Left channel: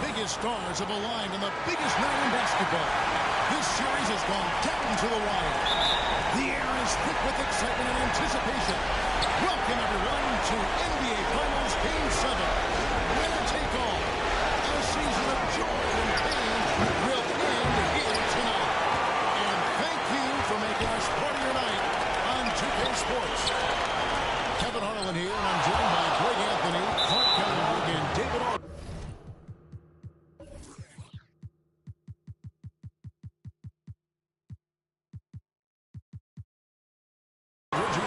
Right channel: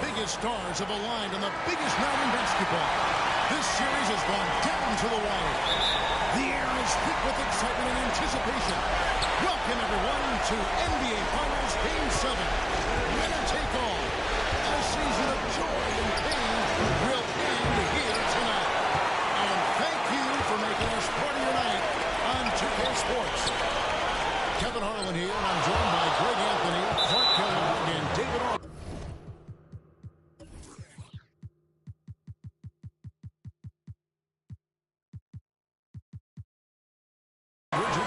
Biggest stars have aligned on the biggest night in basketball. This series has gone down to the wire. The air is thick with excitement and anticipation. Welcome, everyone, to NBA Finals Game 7. Winner take all. A season of joy and pain will end here tonight. And thank you for making us part of your night on 2K Sports. Kevin Harlan here, and I'm joined by Greg Anthony, Clark Kellogg, and David August.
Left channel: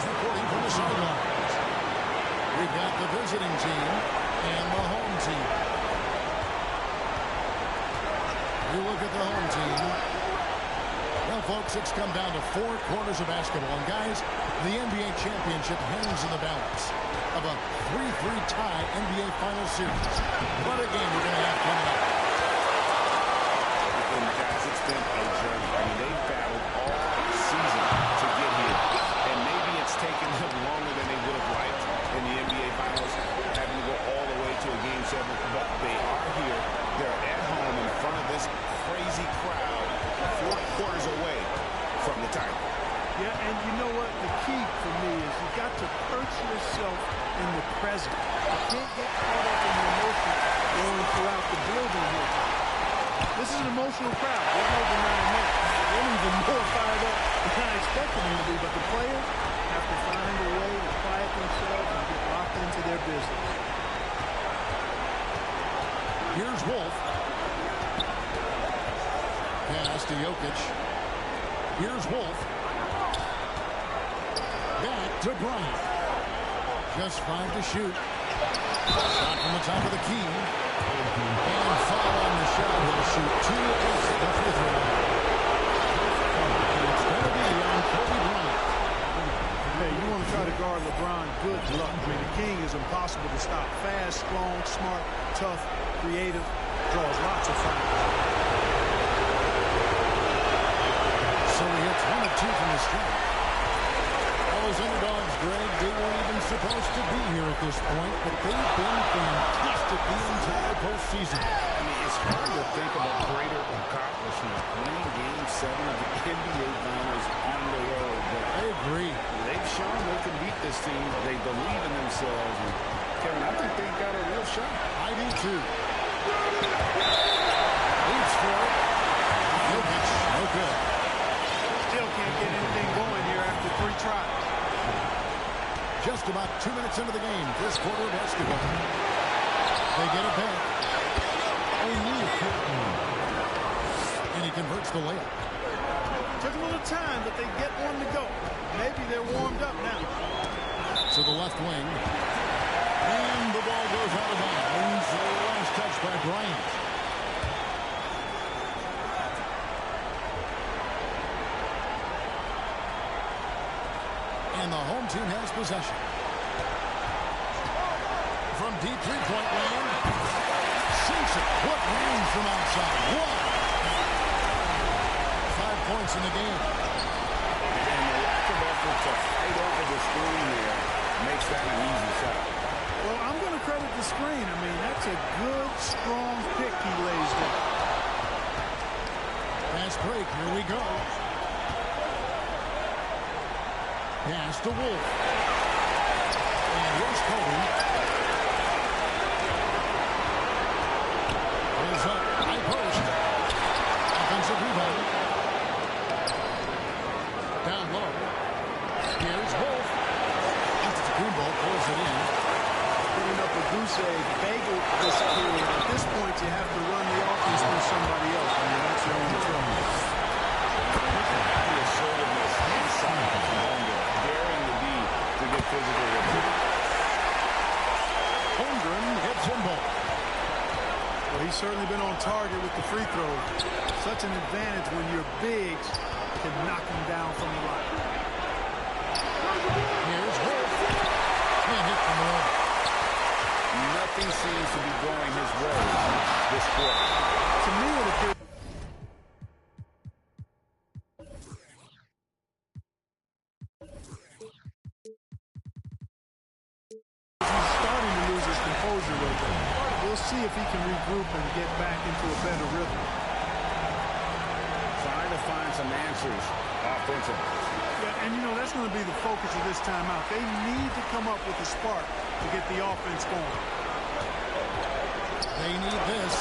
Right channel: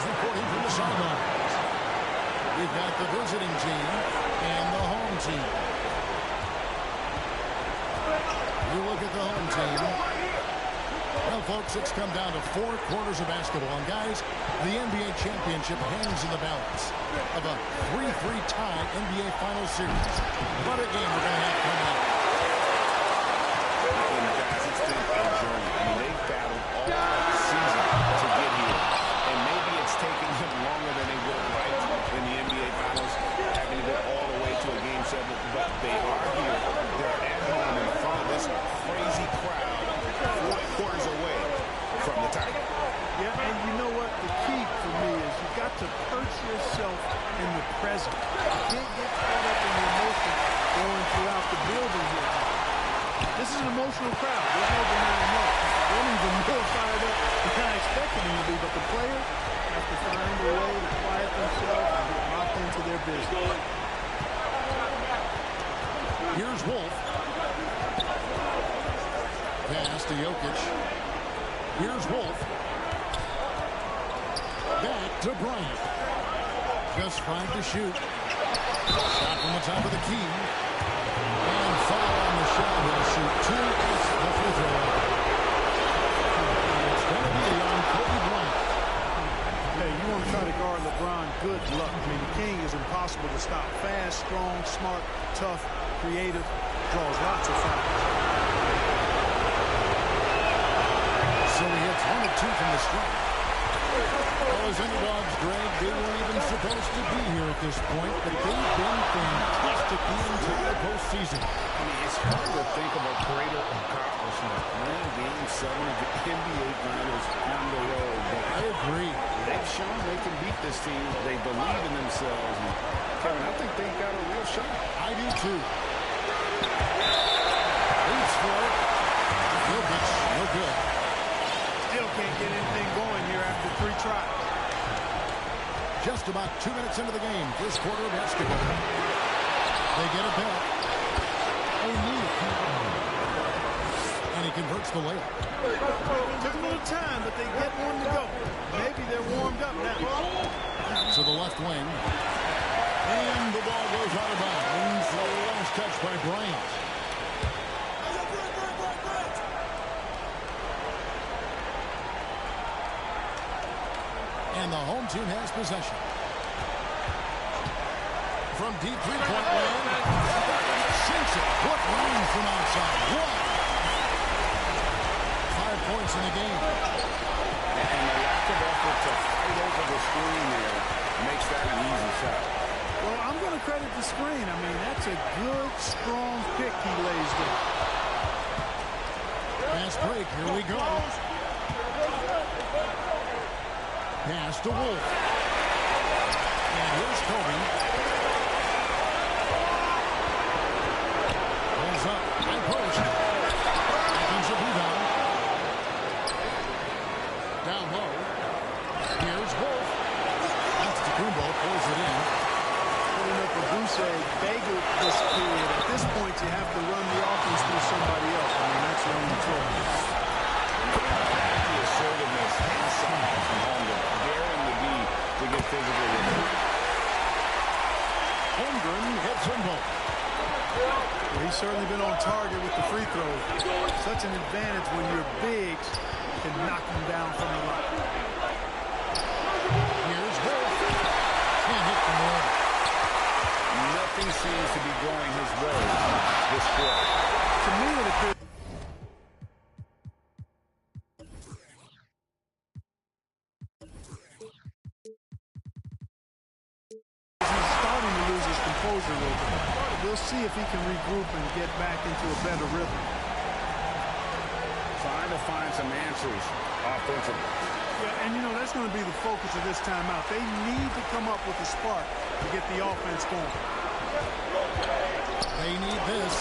Reporting from the sidelines. We've got the visiting team and the home team. You look at the home team. Well, folks, it's come down to 4 quarters of basketball. And, guys, the NBA championship hangs in the balance of a 3-3 tie NBA Finals series. What a game we're going to have coming up. And, guys, it's been a journey. I mean, they've battled all season to get here. And maybe it's taken them longer than they would have liked in the NBA Finals, having to go all the way to a Game 7. But they are here. They're at home in front of this crazy crowd, 4 quarters away from the title. Yeah, and you know what? The key for me is you've got to perch yourself in the present. You can't get caught up in the emotion going throughout the building here. This is an emotional crowd. There's no denying that. They're even more fired up than I expected them to be. But the players have to find a way to quiet themselves and get locked into their business. Here's Wolf. Pass to Jokic. Here's Wolf. Back to Bryant. Just 5 to shoot. Shot from the top of the key. And foul on the shot. He'll shoot 2 at the free throw line. It's going to be on Kobe Bryant. Hey, you want to try to guard LeBron, good luck. I mean, the king is impossible to stop. Fast, strong, smart, tough, creative, draws lots of fouls. So he hits 1 of 2 from the strike. Well, as underdogs, Greg, they weren't even supposed to be here at this point, but they've been fantastic the entire postseason. I mean, it's hard to think of a greater accomplishment, winning Game 7 of the NBA Finals on the road. But I agree. They've shown they can beat this team. They believe in themselves. And Kevin, I think they've got a real shot. I do, too. Leads for it. Jokic, no good. Still can't get anything going here after 3 tries. Just about 2 minutes into the game. First quarter of basketball. They get it back. And he converts the layup. Took a little time, but they get one to go. Maybe they're warmed up now. To the left wing. And the ball goes out of bounds. Last touch by Bryant. And the home team has possession. From deep three-point land. Sinks it. What range from outside. 1. 5 points in the game. And the lack of effort to fight over the screen there makes that an easy shot. Well, I'm going to credit the screen. I mean, that's a good, strong pick he lays there. Fast break. Here we go. Pass to Wolf. And here's Kobe. Pulls up. High post. Offensive rebound. Down low. Here's Wolf. Antetokounmpo pulls it in. Putting up a goose egg bagel this period. At this point, you have to run the offense through somebody else. I mean, that's your only choice. The assertiveness inside from Holmgren, daring the D to get physical with him. Holmgren hits them both. Well, he's certainly been on target with the free throws. Such an advantage when your bigs can knock him down from the line. Here's Wolf. Can't hit from the other. Nothing seems to be going his way this quarter. To me, it appears he's starting to lose his composure a little bit. We'll we'll see if he can regroup and get back into a better rhythm. Trying to find some answers offensively. Yeah, and, you know, that's going to be the focus of this timeout. They need to come up with a spark to get the offense going. They need this.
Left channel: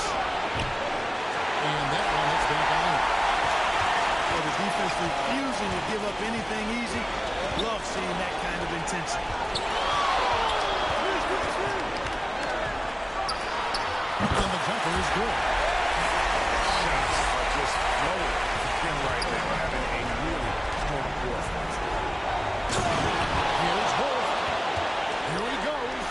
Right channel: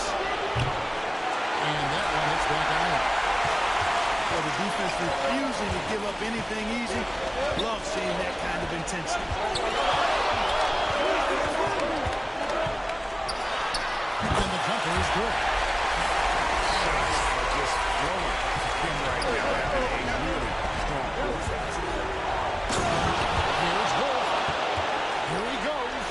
And that one hits back out. For the defense refusing to give up anything easy. Love seeing that kind of intensity. And the jumper is good. Shots are just flowing. Him right now having a really strong quarter. Here's Wolf. Here he goes.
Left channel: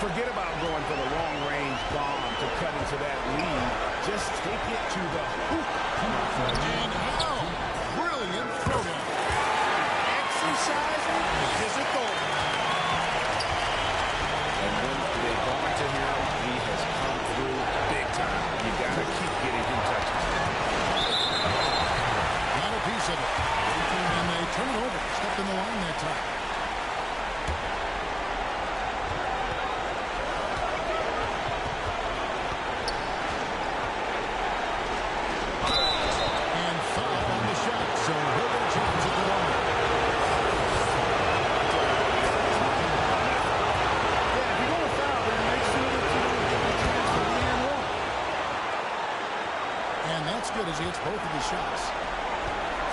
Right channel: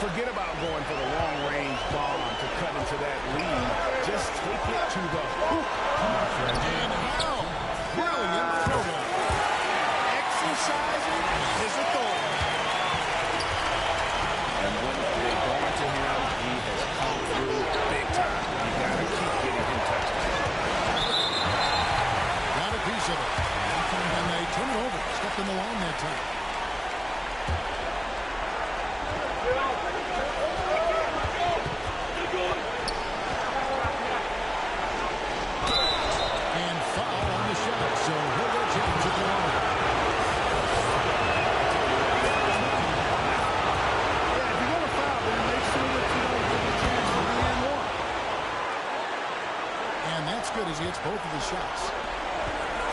Forget about going for the long-range bomb to cut into that lead. Just take it to the hoop. And how? Brilliant throwdown. Exercising his authority. And when they go into him, he has come through big time. You got to keep getting him touches. Got a piece of it. And they turn it over. Stepped in the line that time. And foul on the shot, so he'll get a chance at the line. I'll tell you what, he got his money on that. Yeah, if you're going to foul, then make sure that you don't give a chance for the and one. And that's good as he hits both of his shots.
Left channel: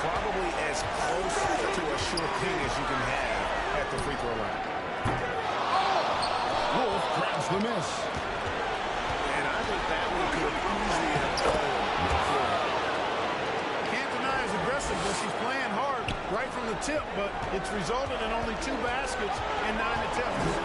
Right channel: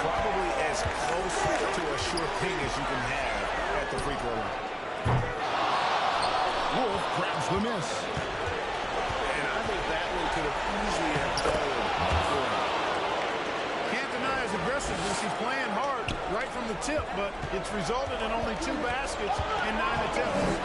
Probably as close to a sure thing as you can have at the free throw line. Wolf grabs the miss. And I think that one could have easily have fallen for him. Can't deny his aggressiveness. He's playing hard right from the tip, but it's resulted in only 2 baskets and 9 attempts.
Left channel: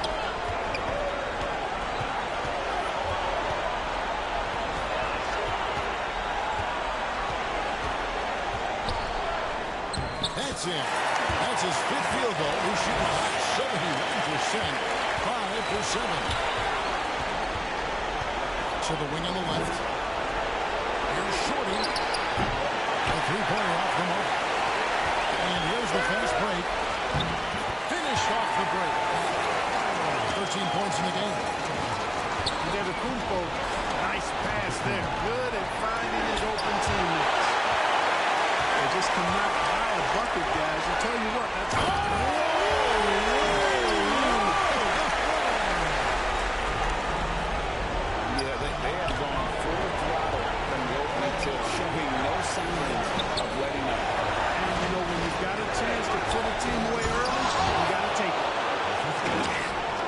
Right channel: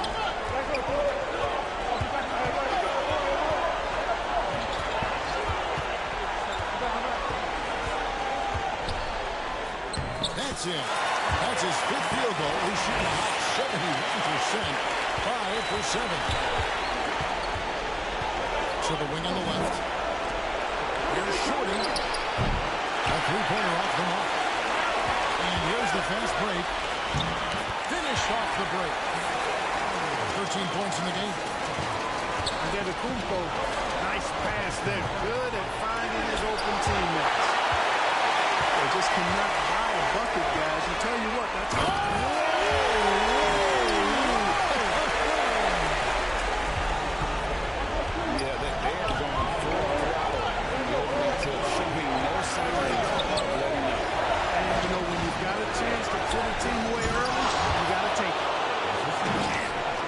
That's in. That's his 5th field goal. He's shooting a hot 71%. 5 for 7. To the wing on the left. Here's Shorty. A three-pointer off the mark. And here's the fast break. Finished off the break. 13 points in the game. Antetokounmpo, nice pass there. Good at finding his open teammates. They just cannot buy a bucket, guys. And tell you what, that's... Yeah, they have gone full throttle from the opening tip, showing no signs of letting up. And, you know, when you've got a chance to put a team away early, you got to take it.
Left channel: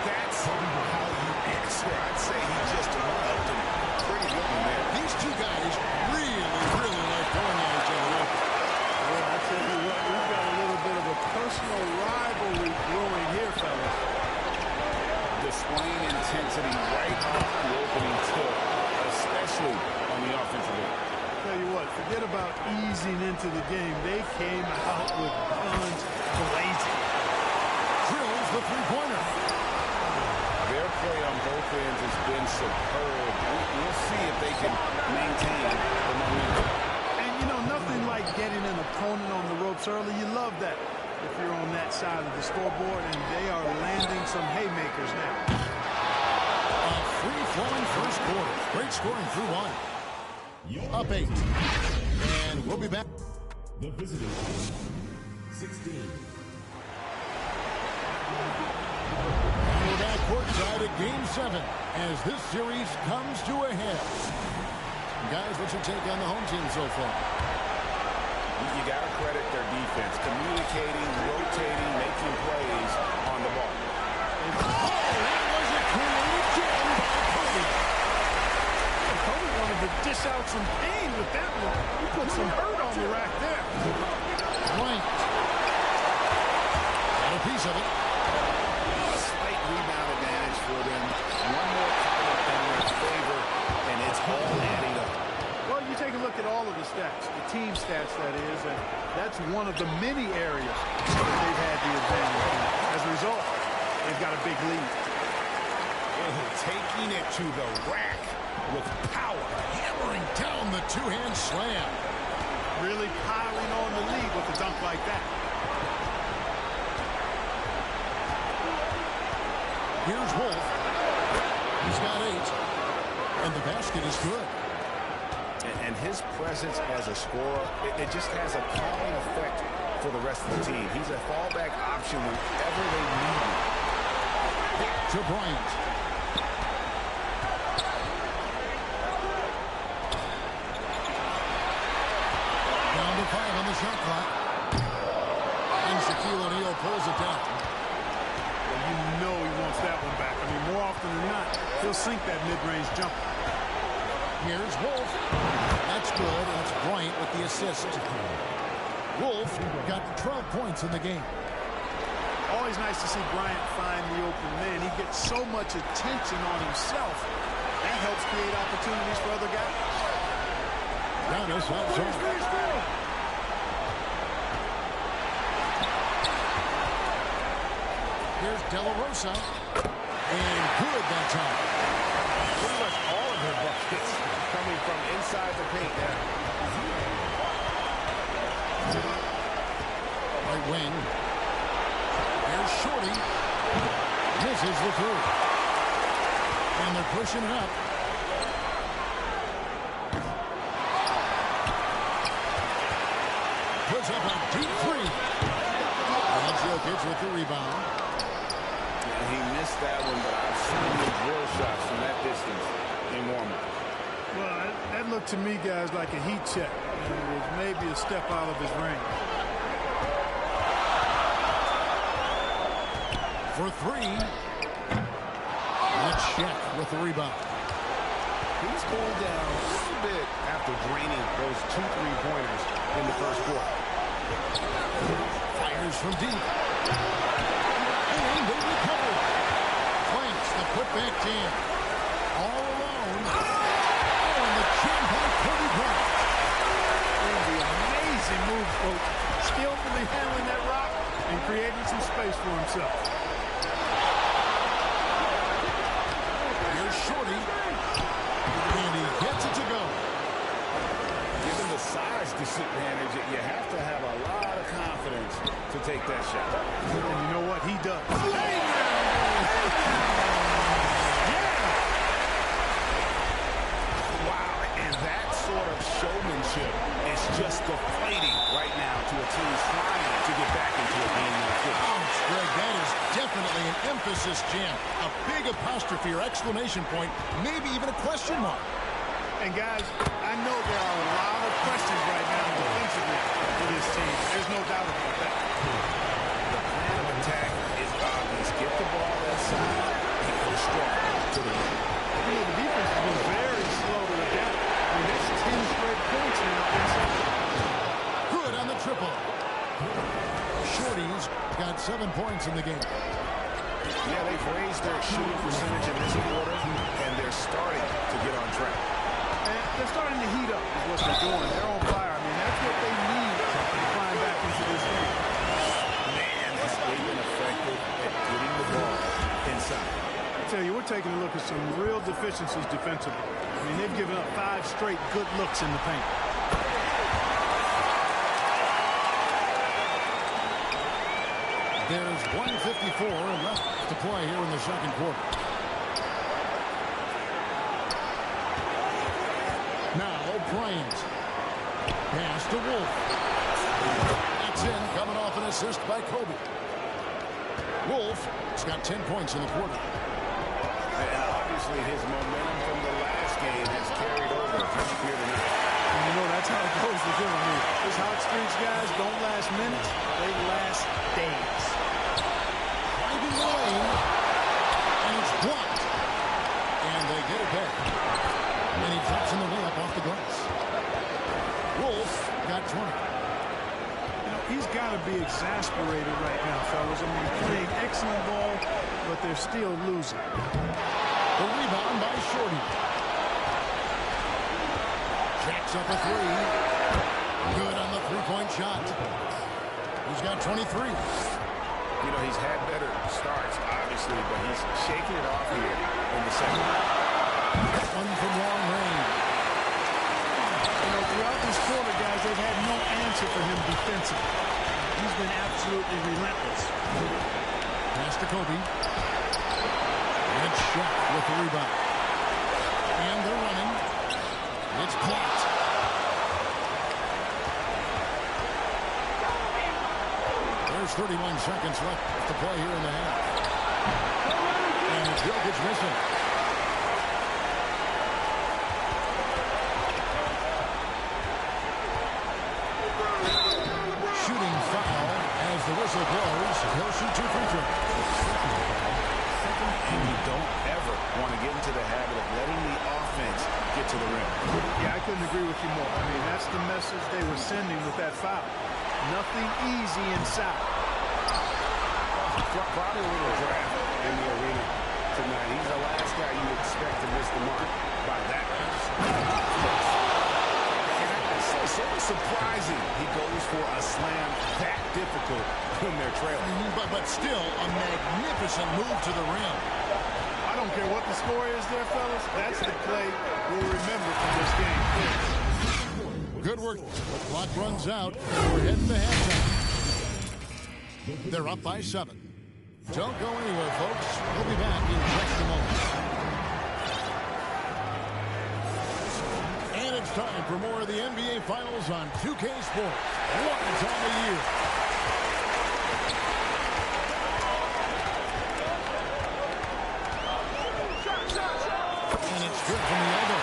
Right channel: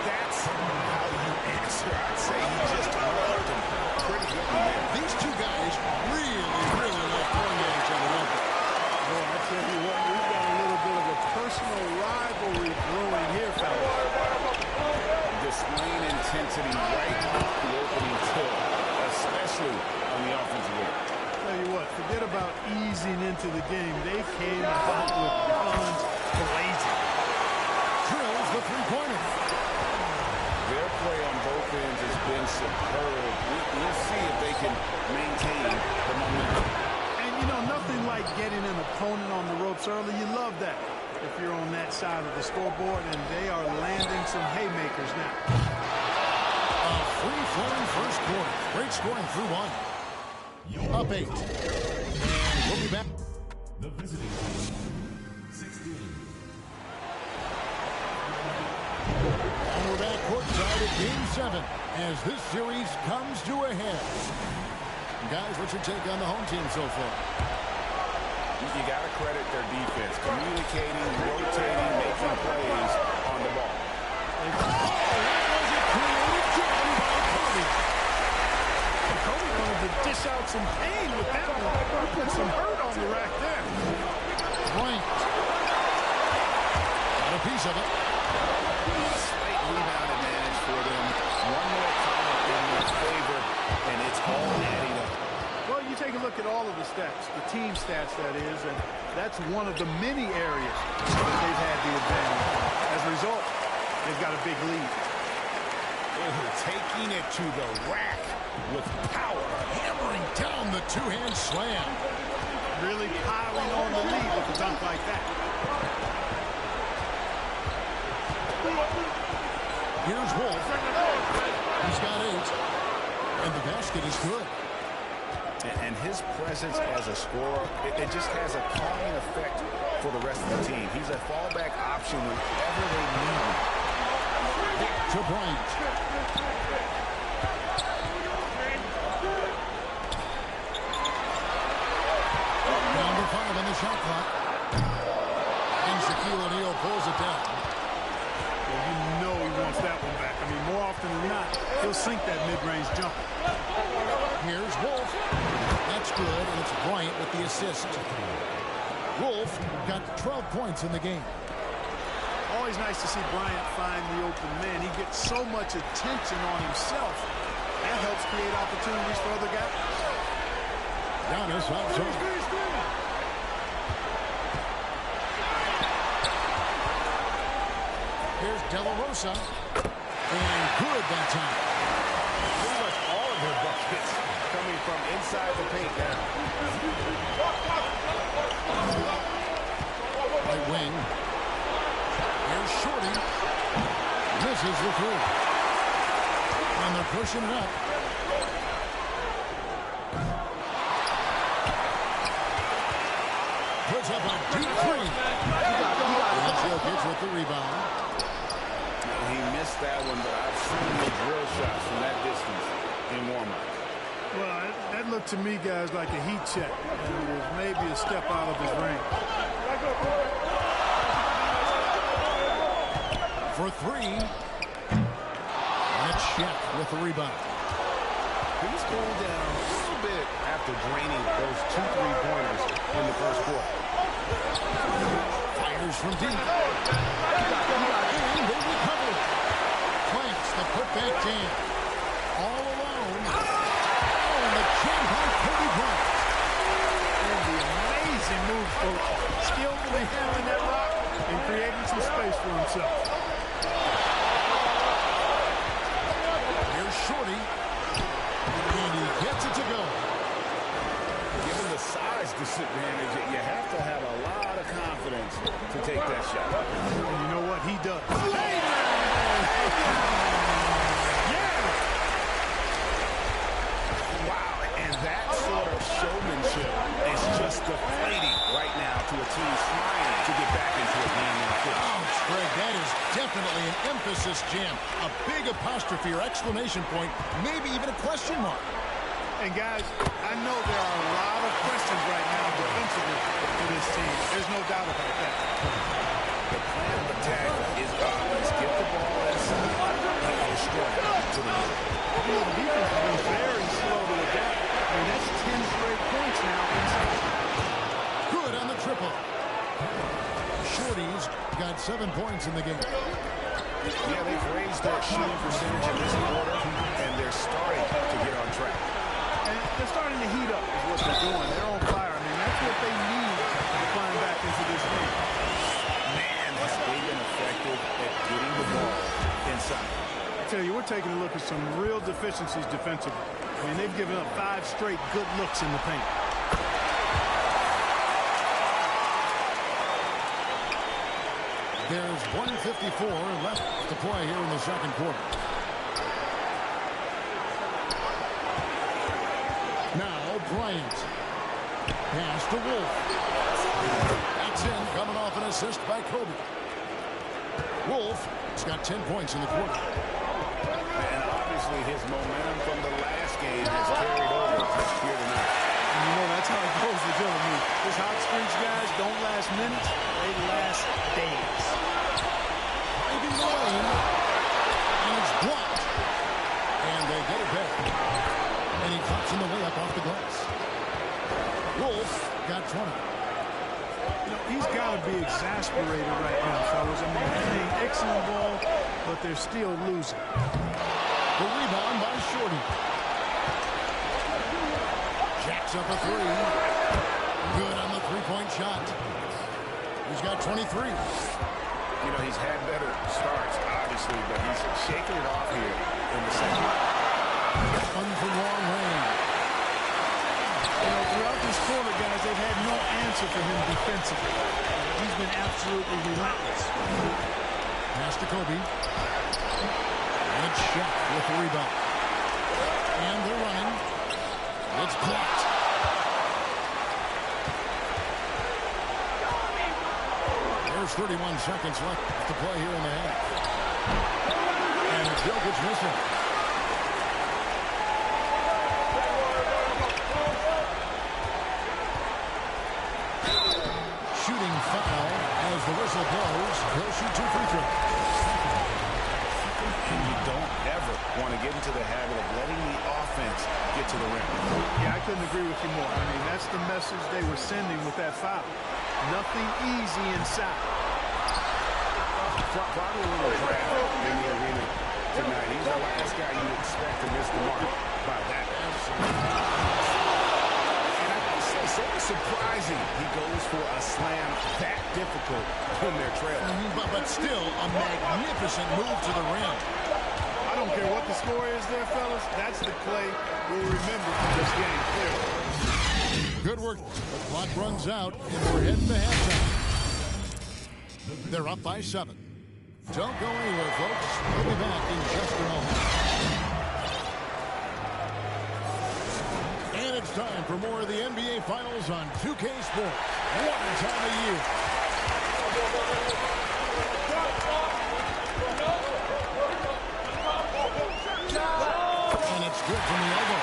That's how you answer. I'd say he just rubbed and pretty good one there. These two guys really like going at each other, don't they? Boy, I tell you what, we've got a little bit of a personal rivalry brewing here, fellas. Displaying intensity right off the opening tip, especially on the offensive end. Tell you what, forget about easing into the game. They came out with guns blazing. Drills the three-pointer. Their play on both ends has been superb. We'll see if they can maintain the momentum. And, you know, nothing like getting an opponent on the ropes early. You love that if you're on that side of the scoreboard, and they are landing some haymakers now. A free-flowing first quarter. Great scoring through 1. Up 8. And we'll be back. The visiting team, 16. And we're back courtside at Game 7 as this series comes to a head. Guys, what's your take on the home team so far? You got to credit their defense. Communicating, rotating, making plays on the ball. That was a creative jam by Kobe. Kobe wanted to dish out some pain with that one. He put some hurt on the rack there. Bryant. Got a piece of it. A slight rebound advantage for them. One more column in their favor, and it's all adding up. Well, you take a look at all of the stats, the team stats, that is, and that's one of the many areas that they've had the advantage. And as a result, they've got a big lead. Taking it to the rack with power. Hammering down the two-hand slam. Really piling on the lead with a dunk like that. Here's Wolf. He's got 8. And the basket is good. And his presence as a scorer, it just has a calming effect for the rest of the team. He's a fallback option whenever they need him. Back to Bryant. Down to 5 on the shot clock. And Shaquille O'Neal pulls it down. Well, you know he wants that one back. I mean, more often than not, he'll sink that mid-range jumper. Here's Wolf. That's good, and it's Bryant with the assist. Wolf got 12 points in the game. Always nice to see Bryant find the open man. He gets so much attention on himself. That helps create opportunities for other guys. Giannis outside. Here's De La Rosa. And good that time. Pretty much all of their buckets coming from inside the paint now. Right wing. Here's Shorty. Misses the 3. And they're pushing it up. Puts up a deep 3. And Jokic with the rebound. He missed that one, but I've seen the drill shots from that distance in warm-up. Well, that looked to me, guys, like a heat check, and it was maybe a step out of his range. For 3. And it's Shaq with the rebound. He's cooled down a little bit after draining those 2 3-pointers in the first quarter. Fires from deep. And they recover. Clanks the putback jam. All alone. Oh, and the jam by Kobe Bryant. And the amazing move, coach. Skillfully handling that rock and creating some space for himself. Here's Shorty. And he gets it to go. Given the size disadvantage, you have to have a lot of confidence to take that shot. And you know what? He does. Hey now! Hey now! Yeah! Wow, and that sort of showmanship is just deflating right now to a team trying to get back into a game like this. Ouch, Greg, that is definitely an emphasis jam. A big apostrophe or exclamation point, maybe even a question mark. And guys, I know there are a lot of questions right now defensively for this team. There's no doubt about that. The plan of attack is obvious. Get the ball inside and go strong to the rim. You know, the defense has been very slow to adapt. I mean, that's 10 straight points now inside. Good on the triple. Shorty's got 7 points in the game. Yeah, they've raised their shooting percentage in this quarter, and they're starting to get on track. And they're starting to heat up is what they're doing. They're on fire. I mean, that's what they need to climb back into this game. Man, have they been effective at getting the ball inside. I tell you, we're taking a look at some real deficiencies defensively. I mean, they've given up 5 straight good looks in the paint. There's 1:54 left to play here in the second quarter. Now Bryant. Pass to Wolf. That's in, coming off an assist by Kobe. Wolf has got 10 points in the quarter. And obviously his momentum from the last game has carried over here tonight. And you know that's how it goes with him. I mean, his hot streaks, guys, don't last minutes. They last days. Driving the lane. And it's blocked. And they get it back. And he drops in the layup off the glass. Wolf got 20. You know, he's got to be exasperated right now, fellas. I mean, playing excellent ball, but they're still losing. The rebound by Shorty. Jacks up a 3. Good on the three-point shot. He's got 23. You know, he's had better starts, obviously, but he's shaking it off here in the second. One from long range. You know, throughout this quarter, guys, they've had no answer for him defensively. He's been absolutely relentless. Pass to Kobe. It's Shaq with the rebound. And they're running. It's blocked. There's 31 seconds left to play here in the half. And it's Jokic missing. Shooting foul as the whistle blows. He'll shoot 2 free throws. And you don't ever want to get into the habit of letting the offense get to the rim. Yeah, I couldn't agree with you more. I mean, that's the message they were sending with that foul. Nothing easy inside. Probably a little draft in the arena tonight. He's the last guy you expect to miss the mark by that. And I gotta say, so surprising he goes for a slam that difficult when they're trailing. But still a magnificent move to the rim. I don't care what the score is there, fellas. That's the play we'll remember from this game. Clearly. Good work. The clock runs out, and we're heading to halftime. They're up by 7. Don't go anywhere, folks. We'll be back in just a moment. And it's time for more of the NBA Finals on 2K Sports. What a time of year. And it's good from the elbow.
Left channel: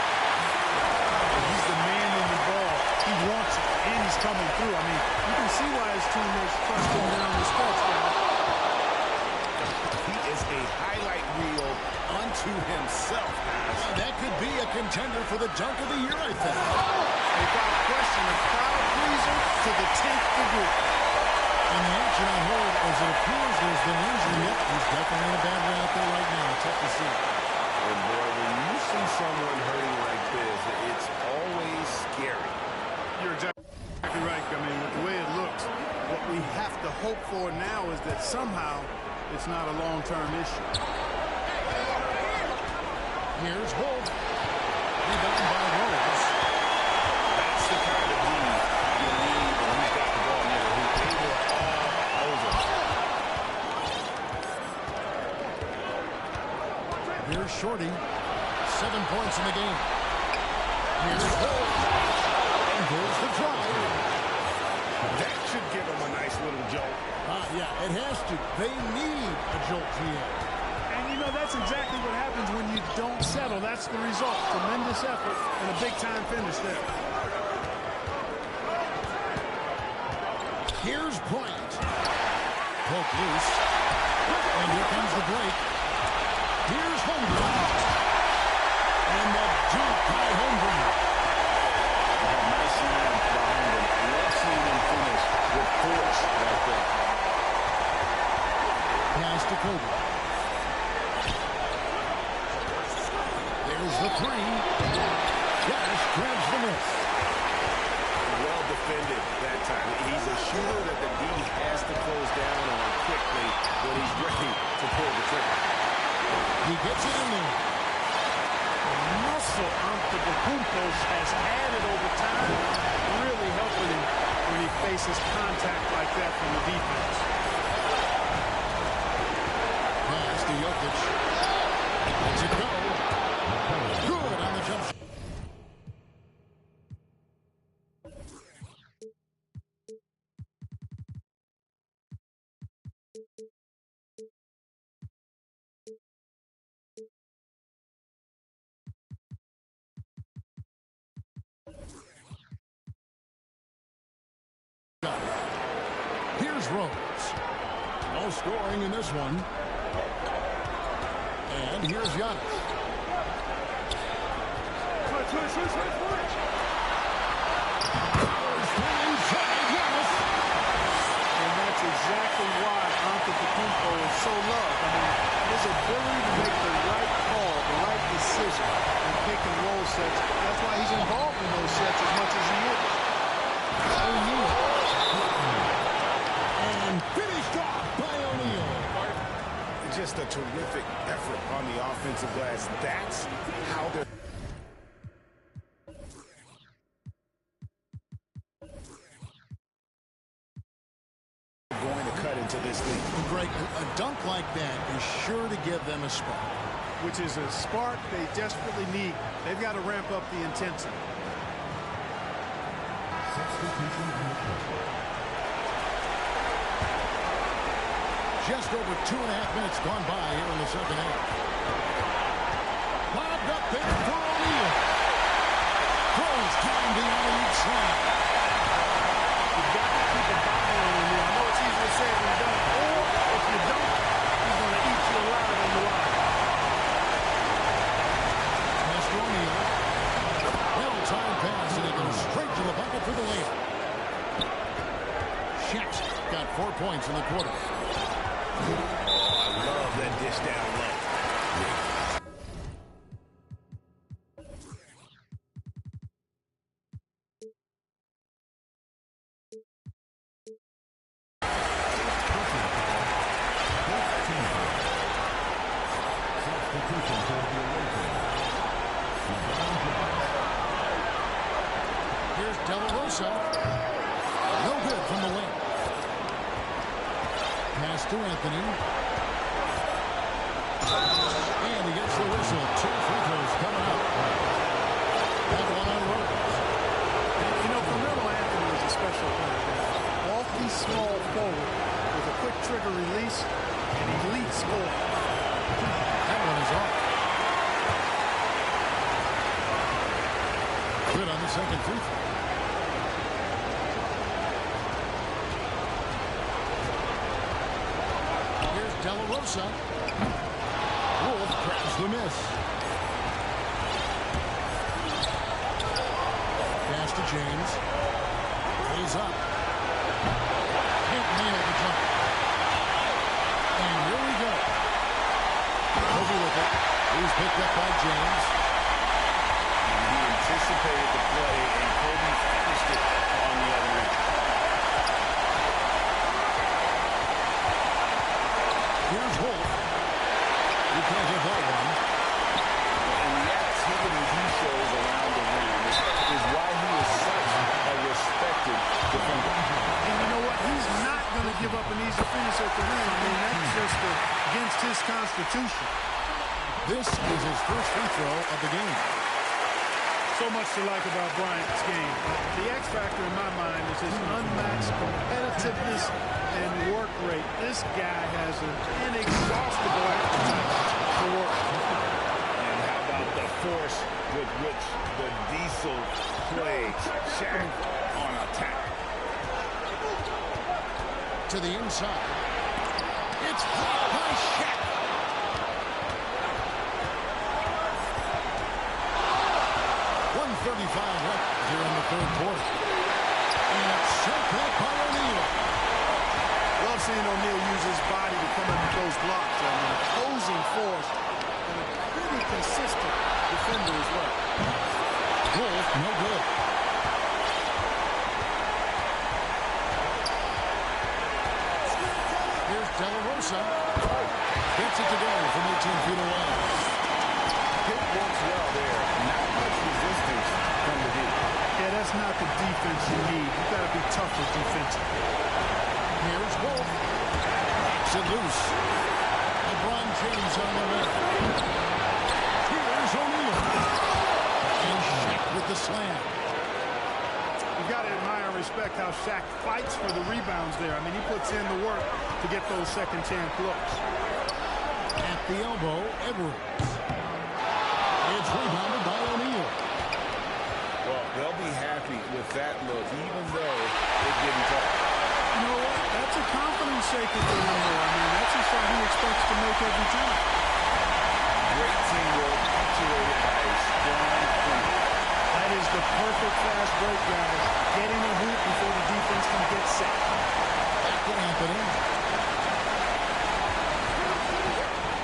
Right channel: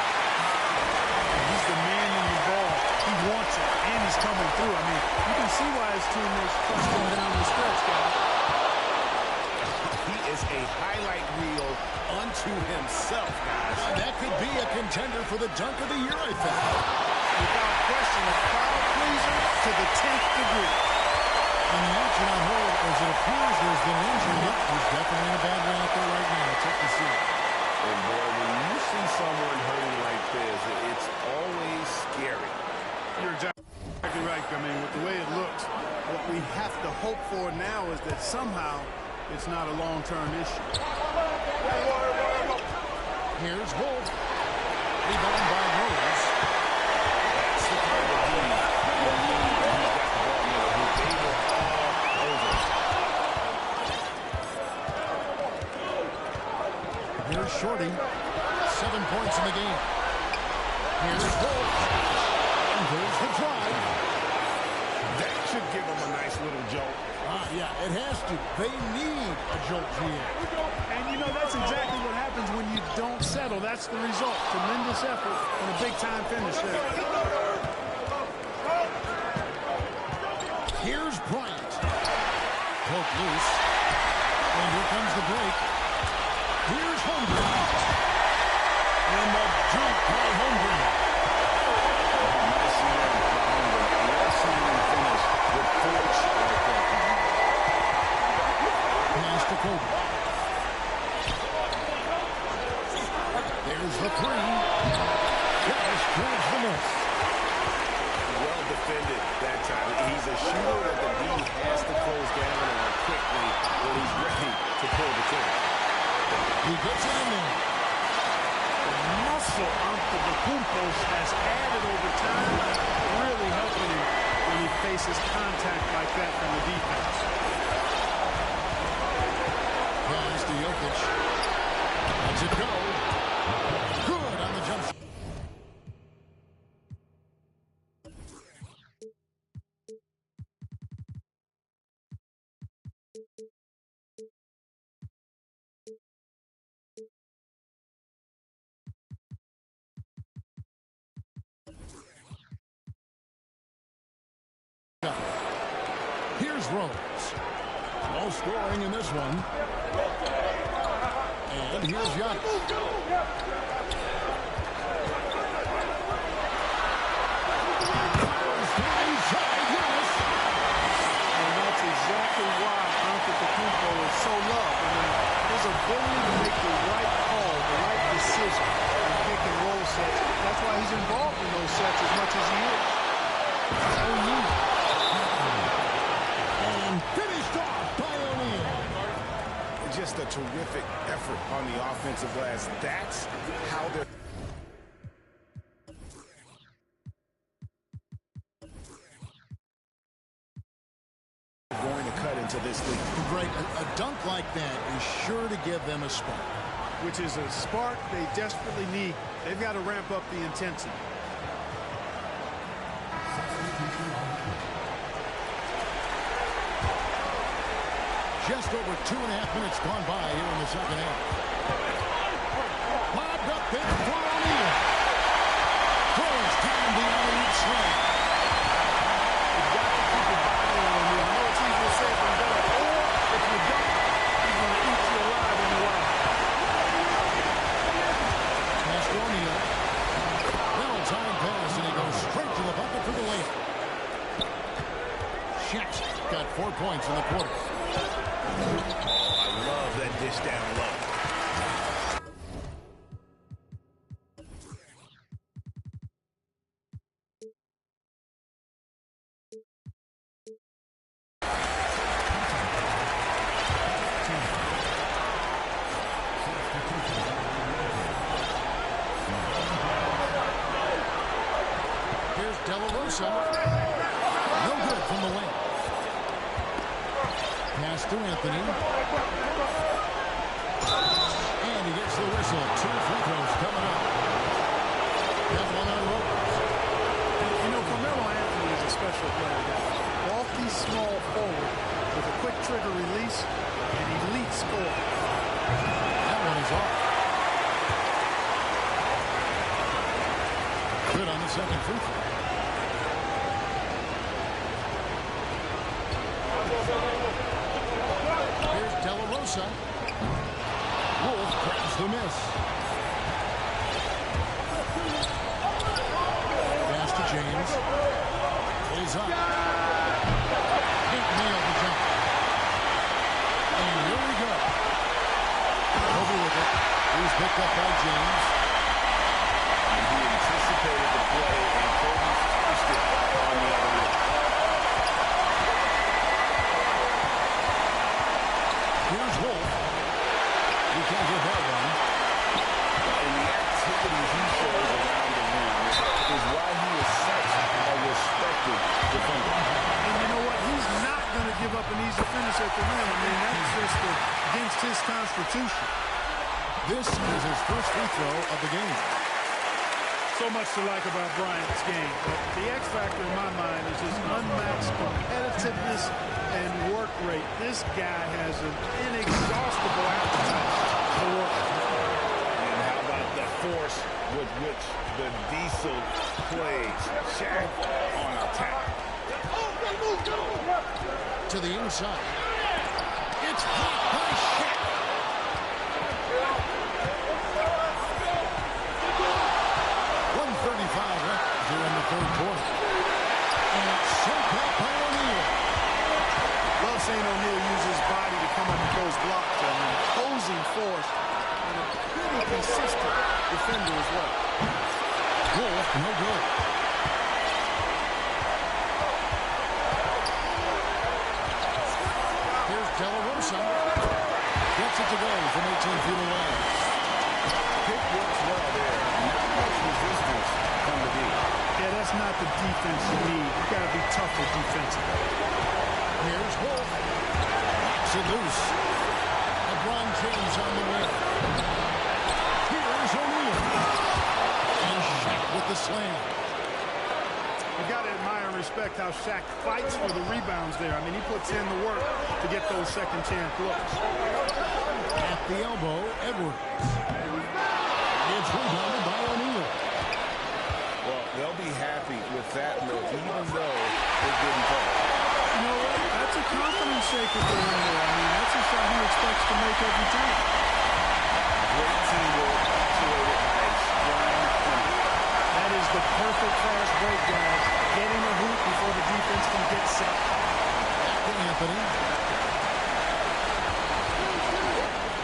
He's the man in the ball. He wants it, and he's coming through. I mean, you can see why his teammates trust him down the stretch, guys. He is a highlight reel unto himself, guys. That could be a contender for the dunk of the year, I think. Without question, a crowd pleaser to the 10th degree. And the action on hold, as it appears there's been an injury. Yep, he's definitely in a bad way out there right now. Tough to see. And boy, when you see someone hurting like this, it's always scary. You're exactly right. I mean, with the way it looks, what we have to hope for now is that somehow it's not a long-term issue. Here's Wolf. Rebound by Rose. That's the kind of D you need when he's got the ball near the hoop. They were all over. Here's Shorty. 7 points in the game. Here's Wolf. And there's the drive. That should give them a nice little jolt. Yeah, it has to. They need a jolt, GM. And, you know, that's exactly what happens when you don't settle. That's the result. Tremendous effort and a big-time finish there. Here's Bryant. Poke loose. And here comes the break. Here's Holmgren. And the dunk by Holmgren. Oh, nice slam by Holmgren. Love seeing him finish with force like that. Pass to Kobe. There's the 3. Giannis grabs the miss. Well defended that time. He's a shooter that the D has to close down on quickly when he's ready to pull the trigger. He gets it in there. The muscle Antetokounmpo has added over time, really helping him when he faces contact like that from the defense. Pass to Jokic. Lets it go. Good on the jump shot. Here's Rose. No scoring in this one. And here's Giannis. Inside Giannis. And that's exactly why Antetokounmpo is so loved. I mean, his ability to make the right call, the right decision in pick and roll sets. That's why he's involved in those sets as much as he is. O'Neal. And finished off by O'Neal. Just a terrific effort on the offensive glass. That's how they're going to cut into this league. Greg, a dunk like that is sure to give them a spark. which is a spark they desperately need. They've got to ramp up the intensity. Just over 2.5 minutes gone by here in the second half. Lobbed up there for O'Neal. Throws down the alley-oop slam. You've got to keep a body on O'Neal. I know it's easier said than done. Or if you don't, he's going to eat you alive on the line. Pass to O'Neal. Well-timed pass, and he goes straight to the bucket for the layup. Shaq's got 4 points in the quarter. Oh, I love that dish down low. Here's De La Rosa. No good from the wing. Pass to Anthony. And he gets the whistle. 2 free throws coming up. That one on Rose. And, you know, Carmelo Anthony is a special player, guys. Bulky, small forward with a quick trigger release and elite score. That one is off. Good on the second free throw. Here's De La Rosa. Wolf grabs the miss. Pass to James. Pulls up. Can't nail the jump. And here we go. Kobe with it. He's picked up by James. And he anticipated the play, and Kobe finished it on the other end. Here's Wolf. You can't get that one. And the activity he shows around the rim is why he is such a respected defender. And you know what? He's not going to give up an easy finish at the rim. I mean, that's just against his constitution. This is his first free throw of the game. So much to like about Bryant's game, but the X factor in my mind is his unmatched competitiveness and work rate. This guy has an inexhaustible appetite for work. And how about the force with which the Diesel plays Shaq on attack? To the inside. It's blocked by Shaq. .135 left here in the third quarter. And it's sent back by O'Neal. Love seeing O'Neal use his body to come up with those blocks. An imposing force and a pretty consistent defender as well. Wolf, no good. Here's De La Rosa. Gets it to go from 18 feet away. Pick works well there. Not much resistance from the D. Yeah, that's not the defense you need. You've got to be tougher defensively. Here's Wolf. Knocks it loose. LeBron James on the way. Here's O'Neal. And Shaq with the slam. You've got to admire and respect how Shaq fights for the rebounds there. I mean, he puts in the work to get those second chance looks. At the elbow, Edwards. It's rebounded by O'Neal. Well, they'll be happy with that look, even though it didn't fall. You know what? That's a confidence shaker for him, though. I mean, that's a shot he expects to make every time. Great teamwork, punctuated by a strong finish. That is the perfect fast break, guys. Getting a hoop before the defense can get set. Back to Anthony.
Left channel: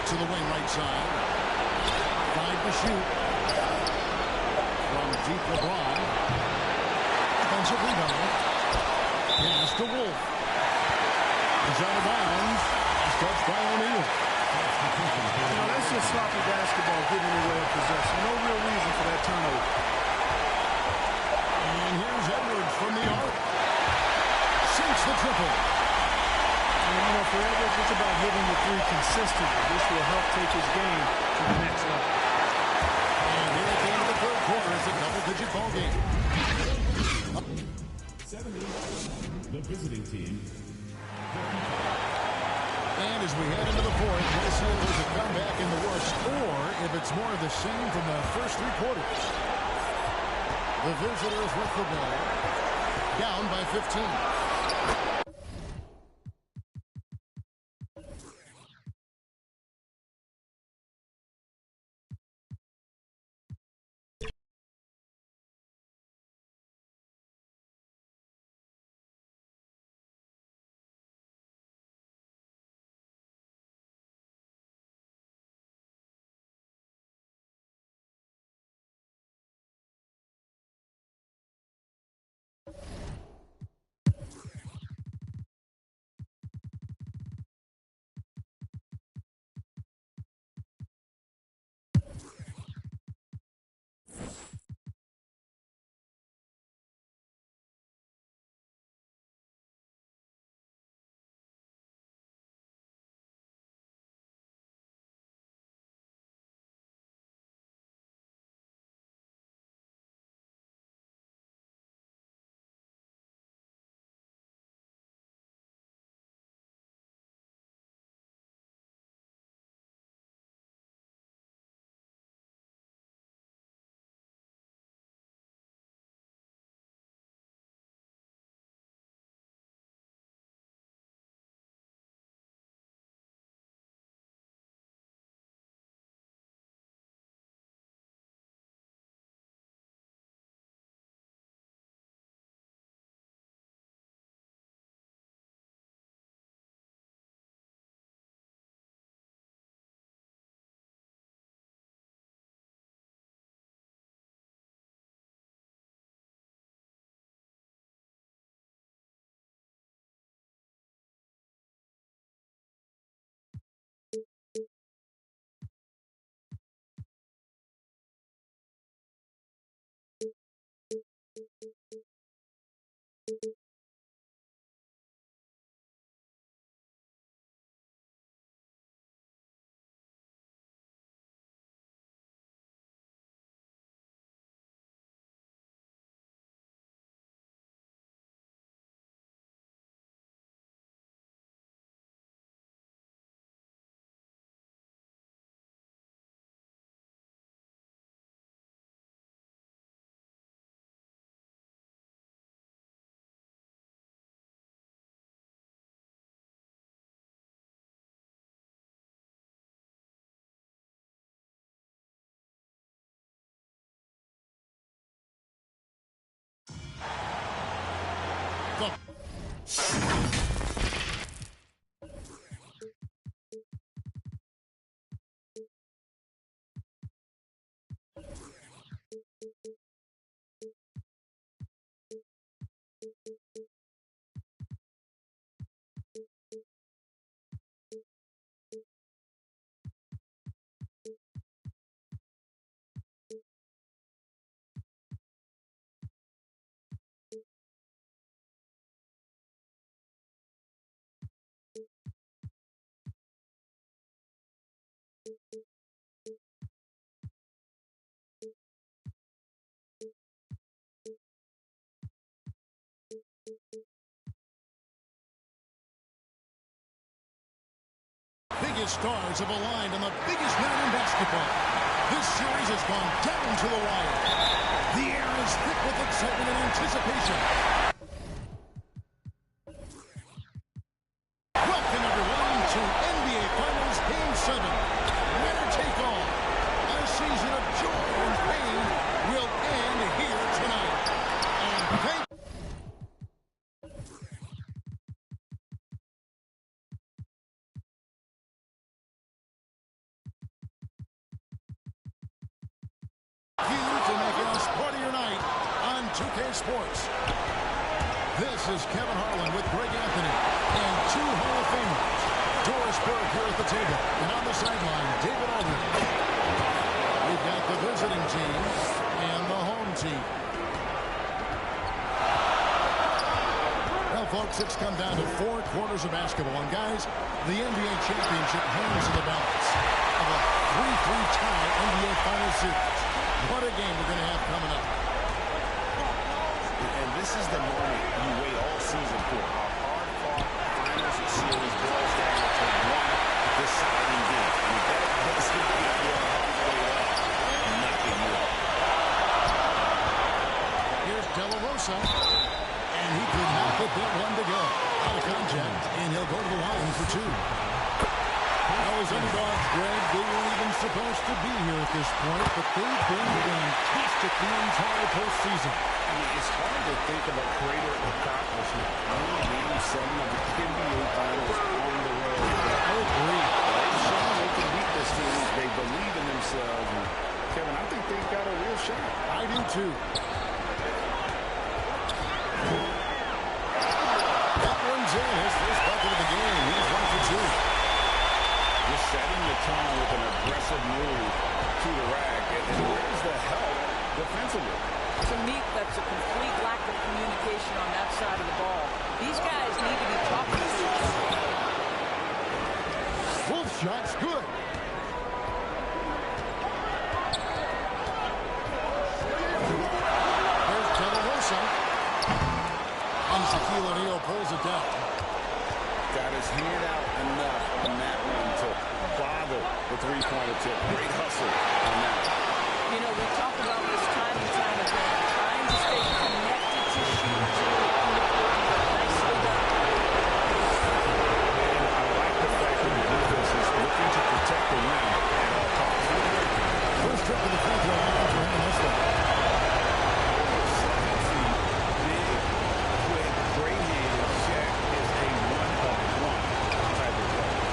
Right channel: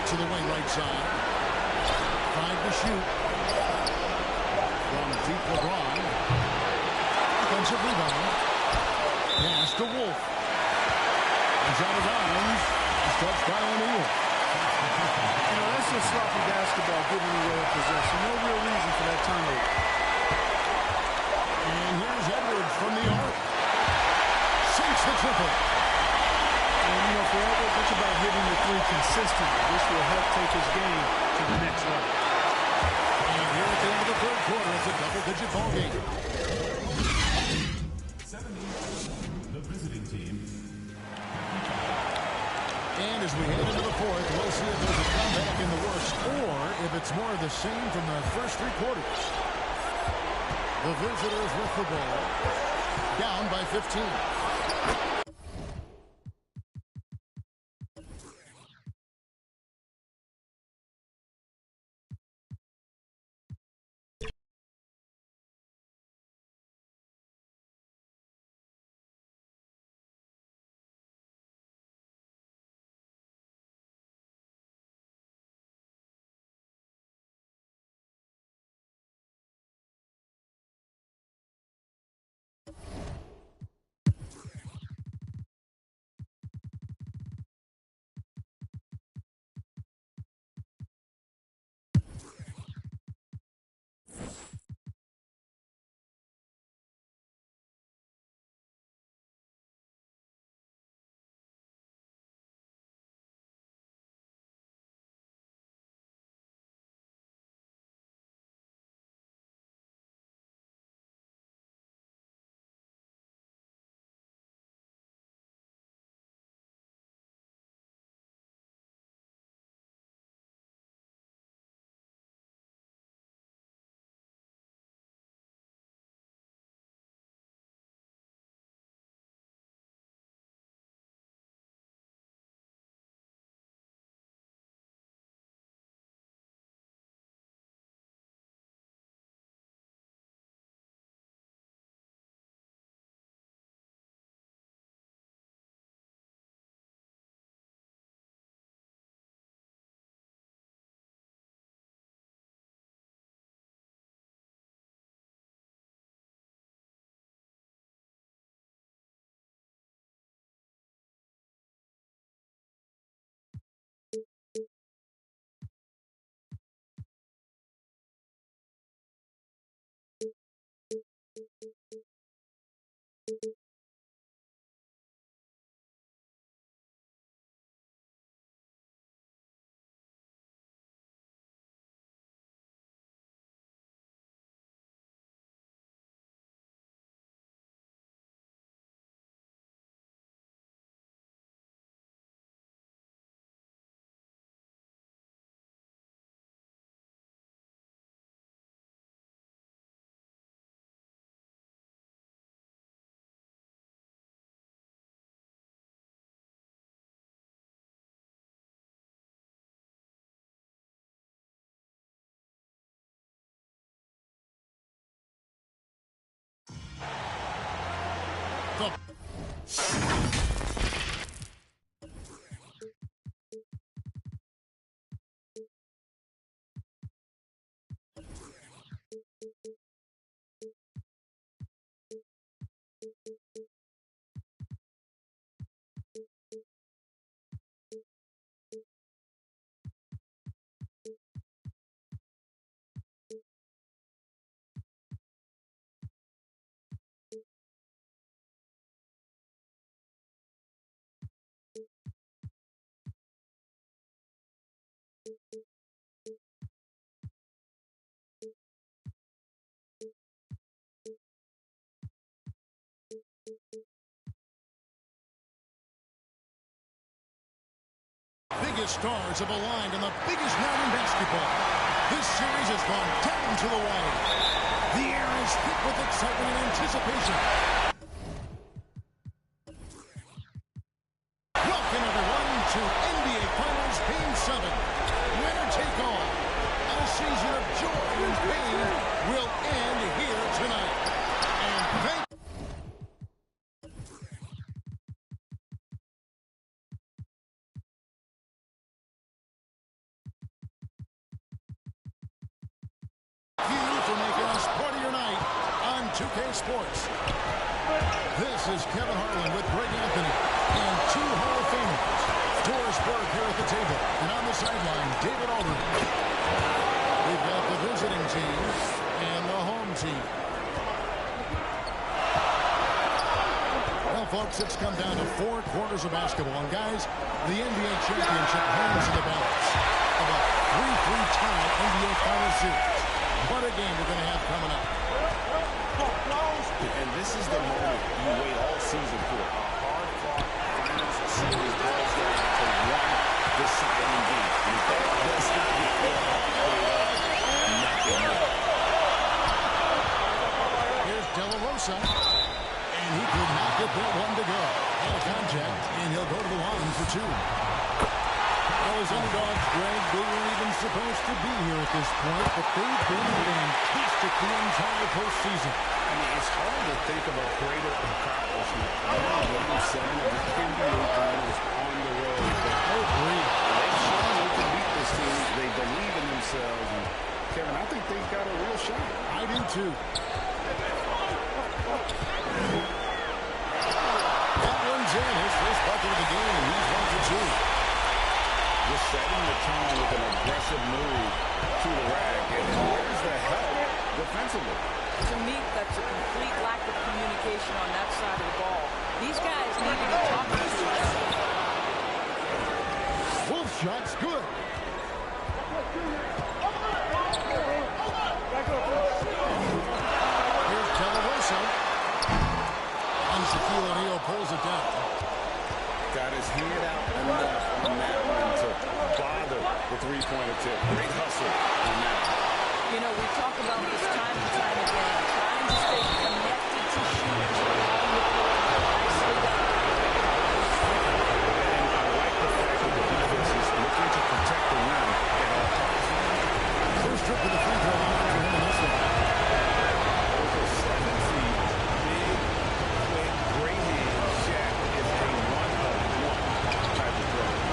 To the wing right side. 5 to shoot. From deep LeBron. Offensive rebound. Pass to Wolf. He's out of bounds. He's touched by O'Neal. You know, that's just sloppy basketball giving away a possession. No real reason for that turnover. And here's Edwards from the arc. Sinks the triple. And, you know, for Edwards, it's about hitting the three consistently. This will help take his game to the next level. And here at the end of the third quarter, it's a double-digit ball game. 70, the visiting team. And as we head into the fourth, we'll see if there's a comeback in the works or if it's more of the same from the first three quarters. The visitors with the ball, down by 15. The biggest stars have aligned on the biggest night in basketball. This series has gone down to the wire. The air is thick with excitement and anticipation. Welcome, everyone, to NBA Finals Game 7. Winner take all. A season of joy and pain will end here tonight. And thank you for making us part of your night on 2K Sports. This is Kevin Harlan with Greg Anthony and two Hall of Famers. Doris Burke here at the table, and on the sideline, David Aldridge. We've got the visiting team and the home team. Well, folks, it's come down to 4 quarters of basketball. And, guys, the NBA championship hangs in the balance of a 3-3 tie NBA Finals series. What a game we're going to have coming up. And this is the moment you wait all season for. A hard-fought Finals series boils down to one deciding game. And if that doesn't get your heart rate up, nothing will. Here's De La Rosa. And he could not get that one to go. Out of contact, and he'll go to the line for 2. Well, as underdogs, Greg, they weren't even supposed to be here at this point, but they've been fantastic the entire postseason. I mean, it's hard to think of a greater accomplishment. Game 7 of the NBA Finals on the road. I agree. They've shown they can beat this team. They believe in themselves. And, Kevin, I think they've got a real shot. I do, too. That one's in. His first bucket of the game. He's 1 for 2. Just setting the tone with an aggressive move to the rack. And where's the help defensively? To me, that's a complete lack of communication on that side of the ball. These guys need to be talking to each other. Wolf shot's good. Here's De La Rosa. And Shaquille O'Neal pulls it down. Got his hand out enough on that one to bother the three-point attempt. Great hustle on that one. You know, we talk about this time and time again, trying to stay connected to shooters along the perimeter. Nicely done. And I like the fact that the defense is looking to protect the rim at all costs. First trip to the free throw line for him in this one. Over 7 feet, big, quick, great hands. Shaq is a one-of-one type of player.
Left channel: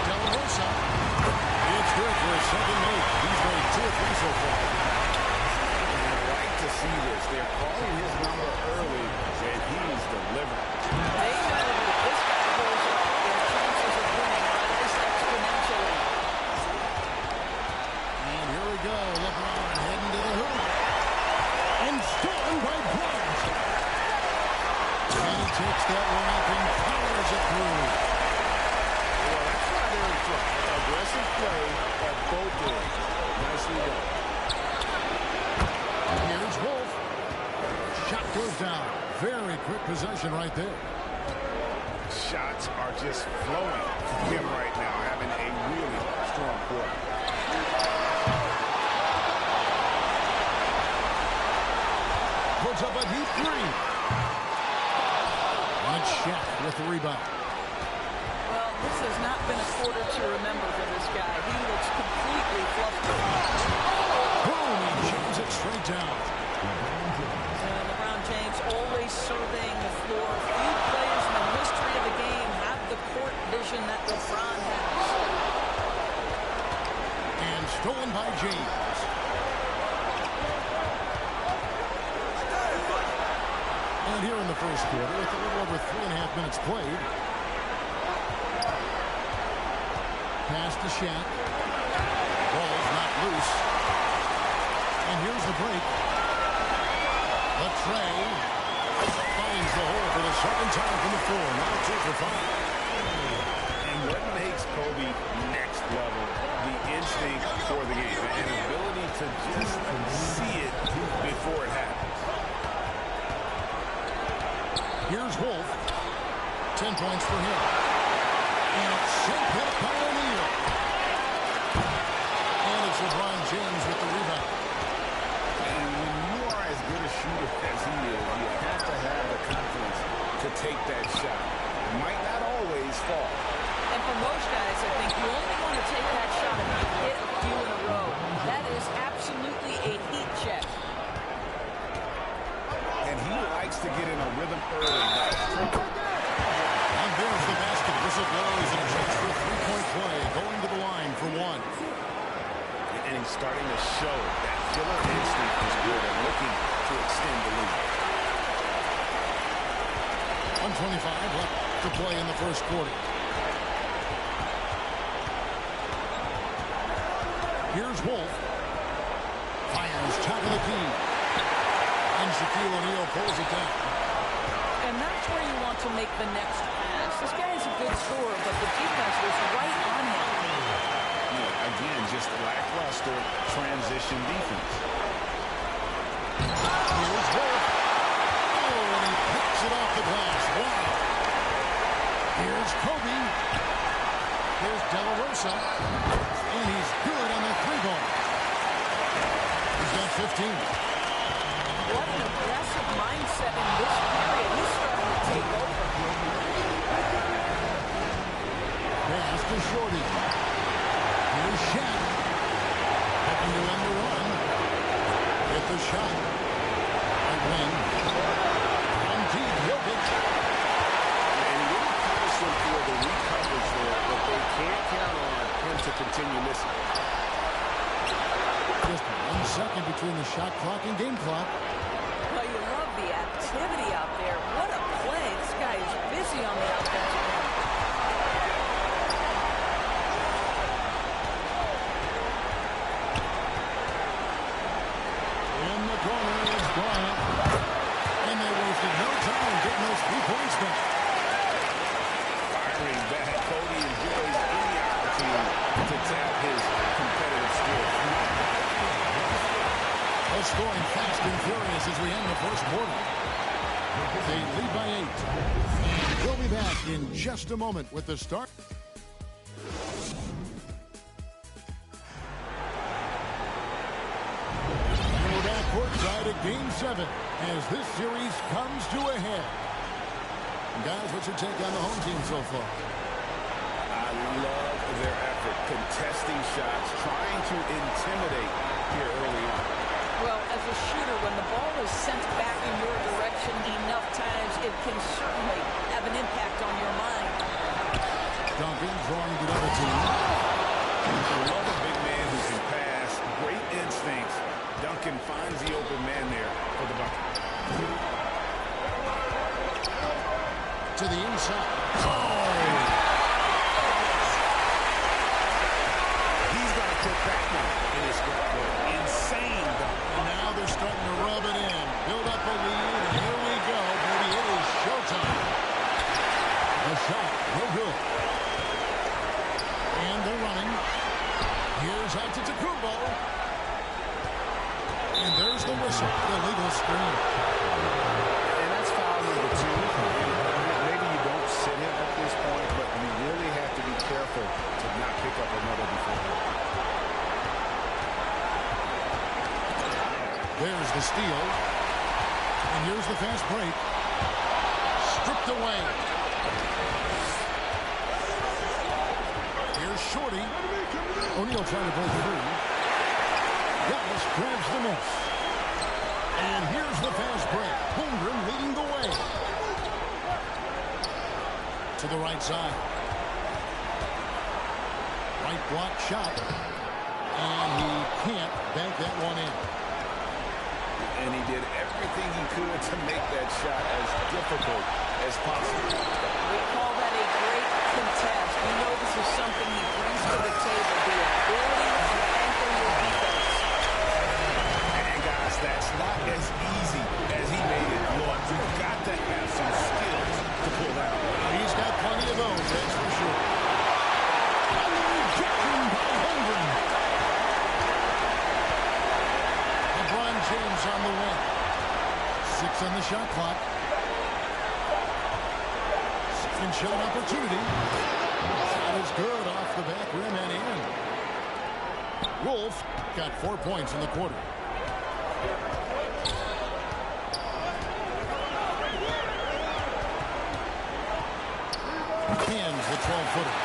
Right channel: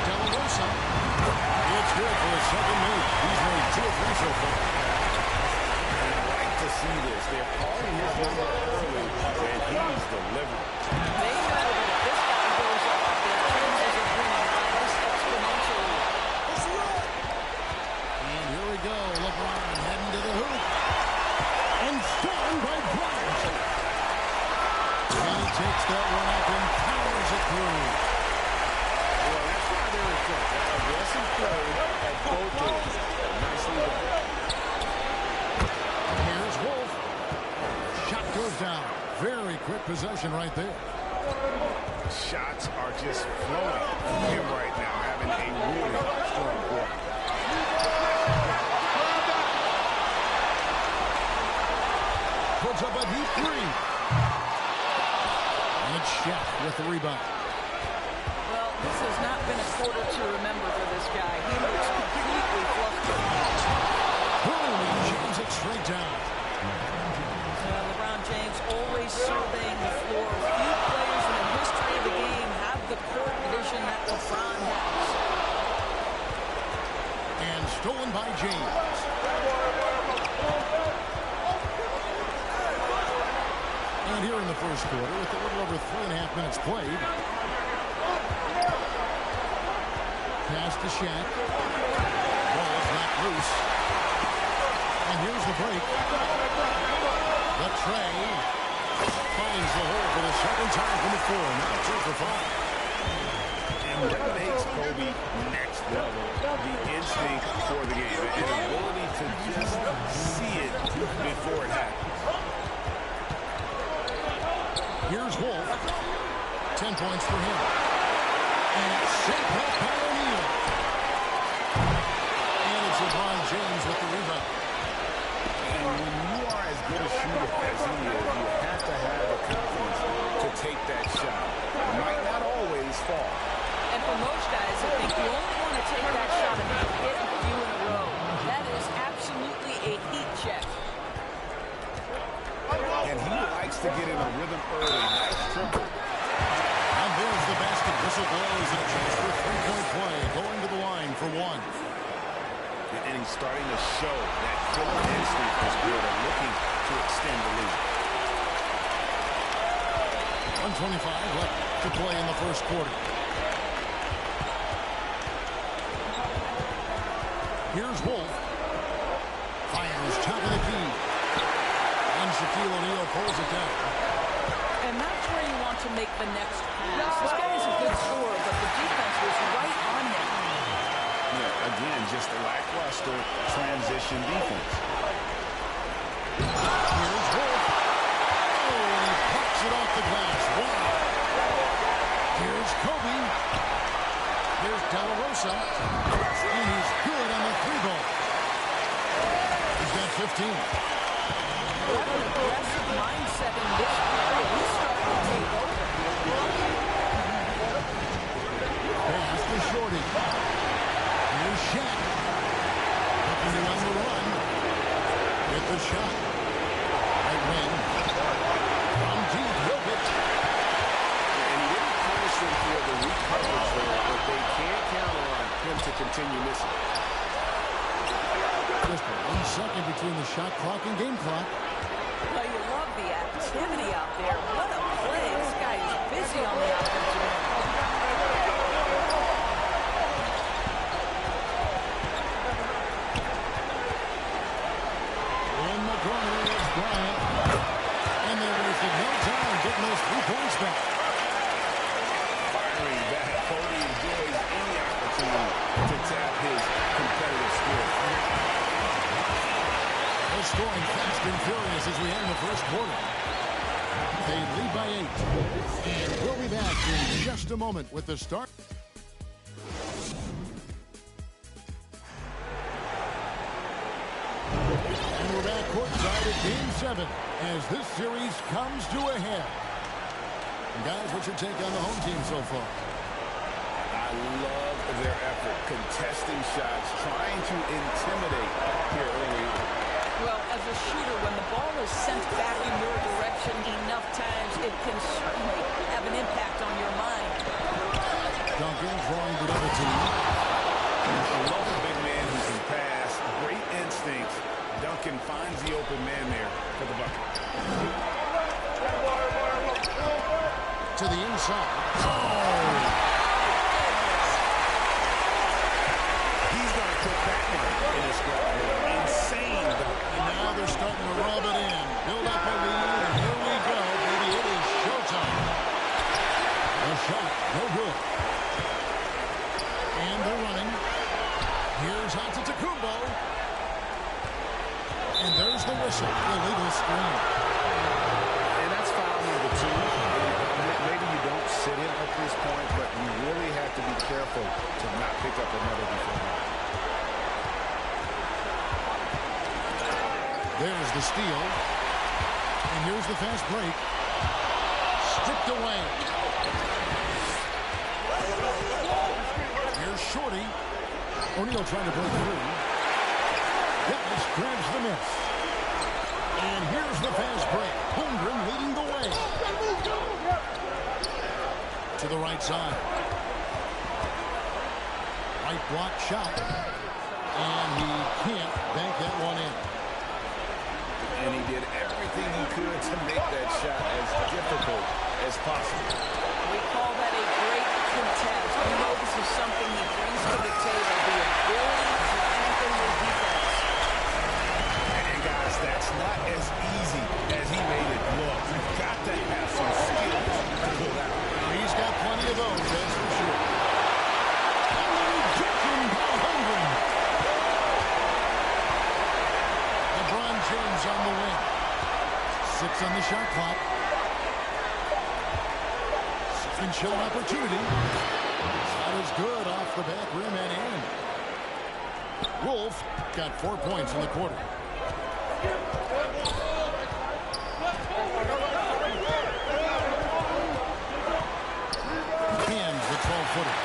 De La Rosa. It's good for his second make. He's made 2 of 3 so far. And I like to see this. They're calling his number early, and he's delivering. They know that if this guy goes off, their chances of winning rise exponentially. And here we go. LeBron heading to the hoop. And stolen by Bryant. And he takes that one up and powers it through. Well, that's why they're in front. That aggressive play at both ends. Nicely done. Here's Wolf. Shot goes down. Very quick possession right there. Shots are just flowing from him right now, having a really strong quarter. Puts up a deep 3. And it's Shaq with the rebound. Well, this has not been a quarter to remember for this guy. He looks completely flustered. Boom, he jams it straight down. LeBron James always surveying the floor. Few players in the history of the game have the court vision that LeBron has. And stolen by James. And here in the first quarter, with a little over 3.5 minutes played. Pass to Shaq. Ball's not loose. And here's the break. But Trey finds the hole for the second time from the floor. Now 2 for 5. And what makes Kobe next level? The instinct for the game. An ability to just see it before it happens. Here's Wolf. 10 points for him. And it's sent back by O'Neal. And it's LeBron James with the rebound. And when you are as good a shooter as he is, you have to have the confidence to take that shot. It might not always fall. And for most guys, I think you only want to take that shot if you hit a few in a row. That is absolutely a heat check. And he likes to get in a rhythm early. Nice triple. And there's the basket. Whistle blows and a chance for a 3-point play. Going to the line for 1. And he's starting to show that killer instinct this quarter, looking to extend the lead. 1:25 left to play in the first quarter. Here's Wolf. Fires top of the key. And Shaquille O'Neal pulls it down. And that's where you want to make the next pass. This guy is a good scorer, but the defense was right on him. Yeah, again, just lackluster transition defense. Here's Wolf. Oh, and he pops it off the glass. Wow. Here's Kobe. Here's De La Rosa. And he's good on the three ball. He's got 15. What an aggressive mindset in this period. He's starting to take over. Pass to Shorty. Here's Shaq. Looking to end the run. With the shot. Right wing. From deep, Jokic. And he didn't punish them for the weak coverage there, but they can't count on him to continue missing. Just 1 second between the shot clock and game clock. Well, you love the activity out there. What a play. This guy is busy on the offensive end. In the corner is Bryant. And they wasted no time getting those 3 points back. Firing back, Cody enjoys any opportunity to tap his competitive spirit. Well, scoring fast and furious as we end the first quarter. They lead by 8. And we'll be back in just a moment with the start. And we're back courtside at Game 7 as this series comes to a head. And guys, what's your take on the home team so far? I love their effort, contesting shots, trying to intimidate here early on. Well, as a shooter, when the ball is sent back in your direction enough times, it can certainly have an impact on your mind. Duncan drawing the double team. I love a big man who can pass, great instincts. Duncan finds the open man there for the bucket. To the inside. Oh! He's going to put that one in his scrapbook. Insane dunk. And now they're starting to rub it in. Build up a lead, and here we go, baby. It is showtime. A shot, no good. And they're running. Here's Antetokounmpo. And there's the whistle. Illegal screen. And that's foul number 2. Maybe you don't sit him at this point, but you really have to be careful to not pick up another before that. There's the steal. And here's the fast break. Stripped away. Here's Shorty. O'Neal trying to break through. Dallas grabs the miss. And here's the fast break. Holmgren leading the way. To the right side. Right block shot. And he can't bank that one in. And he did everything he could to make that shot as difficult as possible. We call that a great contest. You know this is something he brings to the table, the ability to anchor your defense. And guys, that's not as easy as he made it look. You've got to have some skills to pull that off. Well, he's got plenty of those, that's for sure. And the rejection by Holmgren. LeBron James on the win. 6 on the shot clock. Second shot opportunity. Shot is good off the back rim and in. Wolf got 4 points in the quarter. Hands the 12-footer.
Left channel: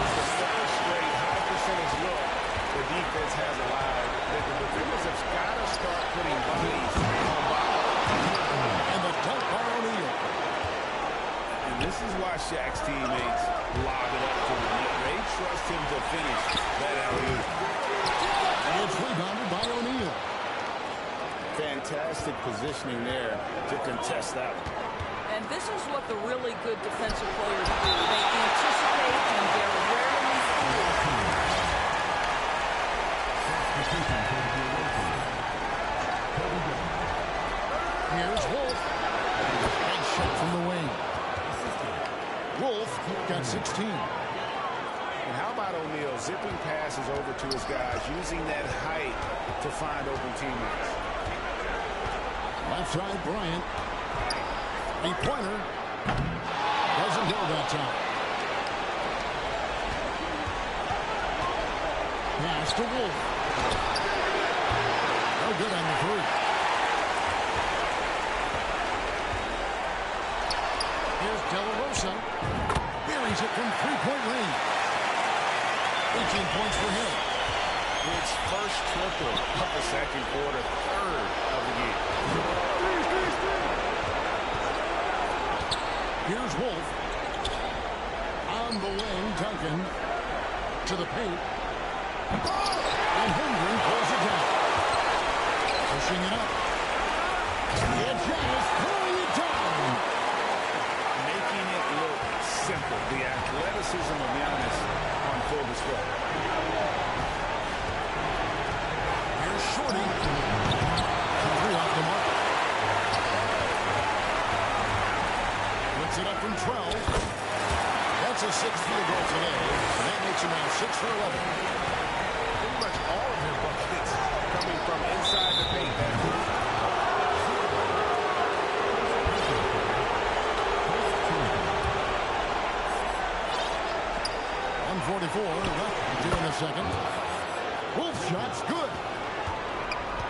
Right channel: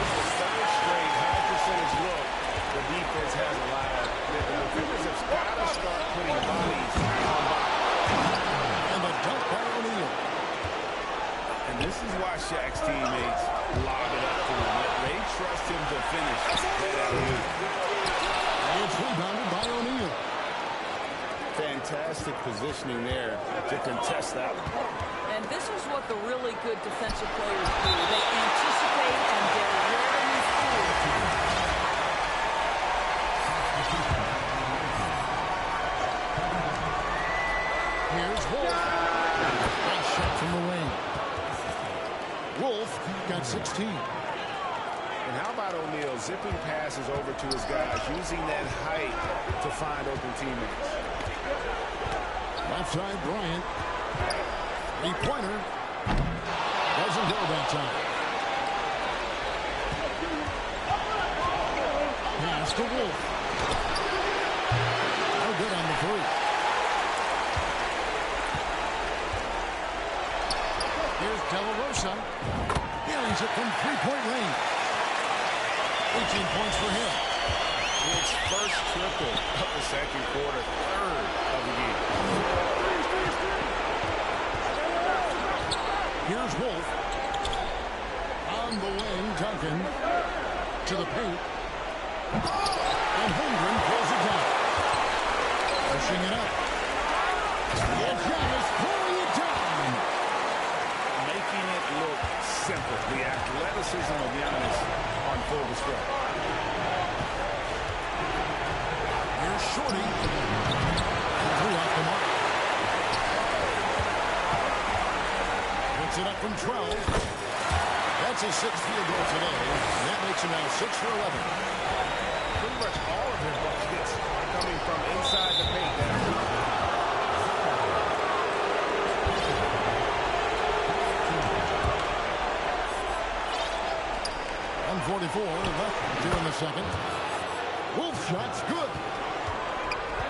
It's the third straight high percentage look the defense has allowed. The defenders have got to start putting bodies on bodies. And the dunk by O'Neal. And this is why Shaq's teammates lob it up to him. They trust him to finish that alley-oop. It's rebounded by O'Neal. Fantastic positioning there to contest that one. And this is what the really good defensive players do. They anticipate and they're rarely fooled. Got 16. And how about O'Neal zipping passes over to his guys, using that height to find open teammates. Left side, Bryant. Three-pointer. Doesn't go that time. Pass to Wolf. No good on the three. Here's De La Rosa. Buries it from three-point range. 18 points for him. His first triple of the second quarter, third of the game. Here's Wolf. On the wing, Duncan. To the paint. And Holmgren pulls it down. Pushing it up. And Giannis throwing it down. Making it look simple. The athleticism of Giannis on full display. Here's Shorty. Three off the mark. Puts it up from 12. That's a sixth field goal today. And that makes him now 6 for 11. Pretty much all of their buckets coming from inside the paint there. 1:44 left in the second. Wolf shot's good.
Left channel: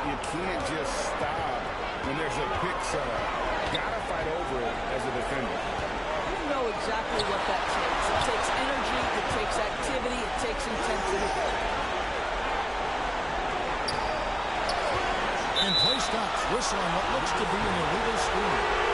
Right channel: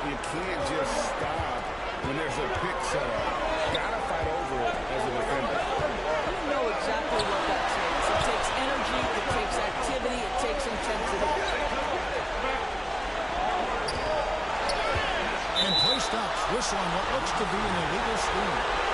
You can't just stop when there's a pick set up. Gotta fight over it as a defender. You know exactly what that takes. It takes energy, it takes activity, it takes intensity. And play stops. Whistle on what looks to be an illegal screen.